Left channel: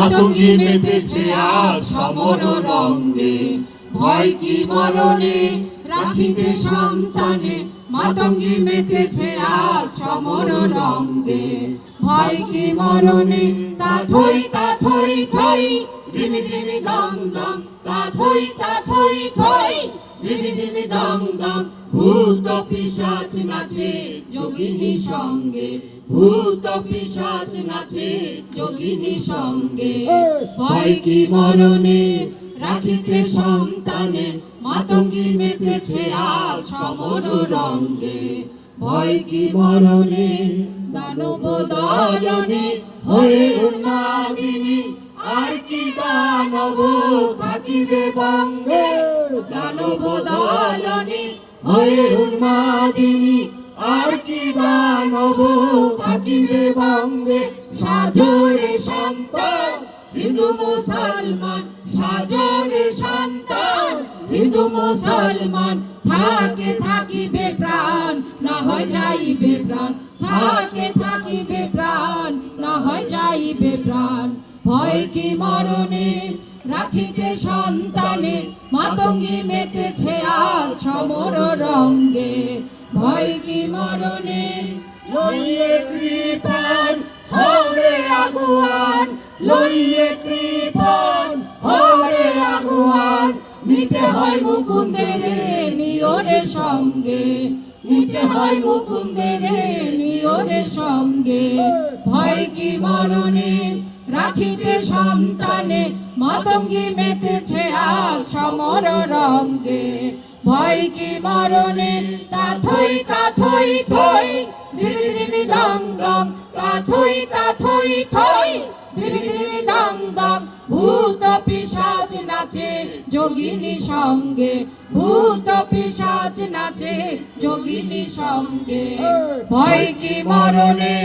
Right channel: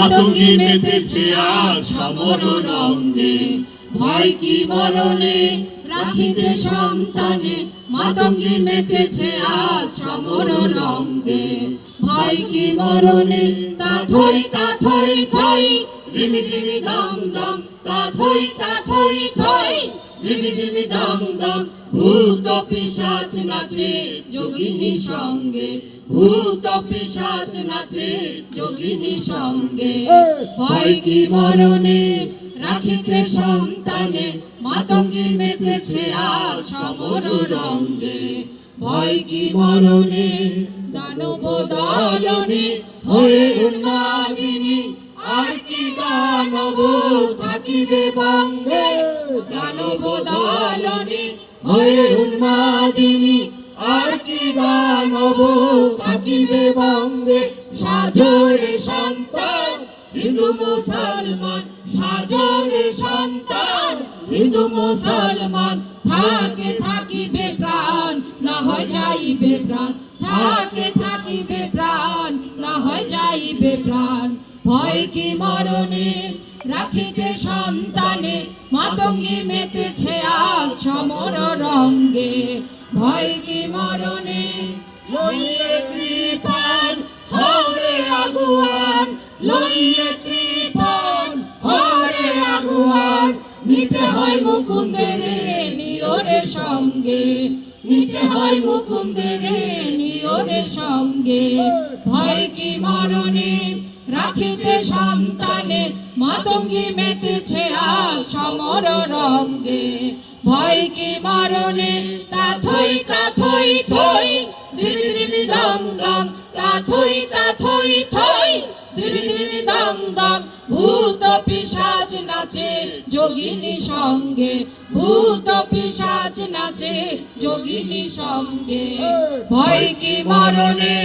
মাতঙ্গী মেতেছে আজ সমর রঙ্গে, ভয় কি মরণে রাখিতে সন্তানে, মাতঙ্গী মেতেছে আজ সমর রঙ্গে, ভয় কি মরণে তা থই থই, ধিমি ধিমি দং দং, তা থই থই, ধিমি ধিমি দং দং, ভূত পিশাচ নাচে যোগিনী সঙ্গে, ভূত পিশাচ নাচে যোগিনী সঙ্গে, ভয় কি মরণে রাখিতে সন্তানে, মাতঙ্গী মেতেছে আজ সমর রঙ্গে, ভয় কি মরণে দানব দলনে হয়ে উন্মাদিনী, আর কি দানব থাকিবে বঙ্গে, দানব দলনে হয়ে উন্মাদিনী, আর কি দানব থাকিবে বঙ্গে, সাজরে সন্তান হিন্দু মুসলমান, সাজরে সন্তান হিন্দু মুসলমান, থাকিবে প্রাণ না হয় যাইবে প্রাণ, থাকিবে প্রাণ না হয় যাইবে প্রাণ, ভয় কি মরণে রাখিতে সন্তানে, মাতঙ্গী মেতেছে আজ সমর রঙ্গে, ভয় কি মরণে লইয়ে কৃপান হরে আগুয়ান, লইয়ে কৃপান হরে আগুয়ান, নিতে হয় মুকুন্দের নিয়রের সঙ্গে, নিতে হয় মুকুন্দের নিয়রের সঙ্গে, ভয় কি মরণে রাখিতে সন্তানে, মাতঙ্গী মেতেছে আজ সমর রঙ্গে, ভয় কি মরণে তা থই থই, ধিমি ধিমি দং দং, তা থই থই, ধিমি ধিমি দং দং, ভূত পিশাচ নাচে যোগিনী সঙ্গে, ভূত পিশাচ নাচে যোগিনী সঙ্গে, ভয় কি মরণে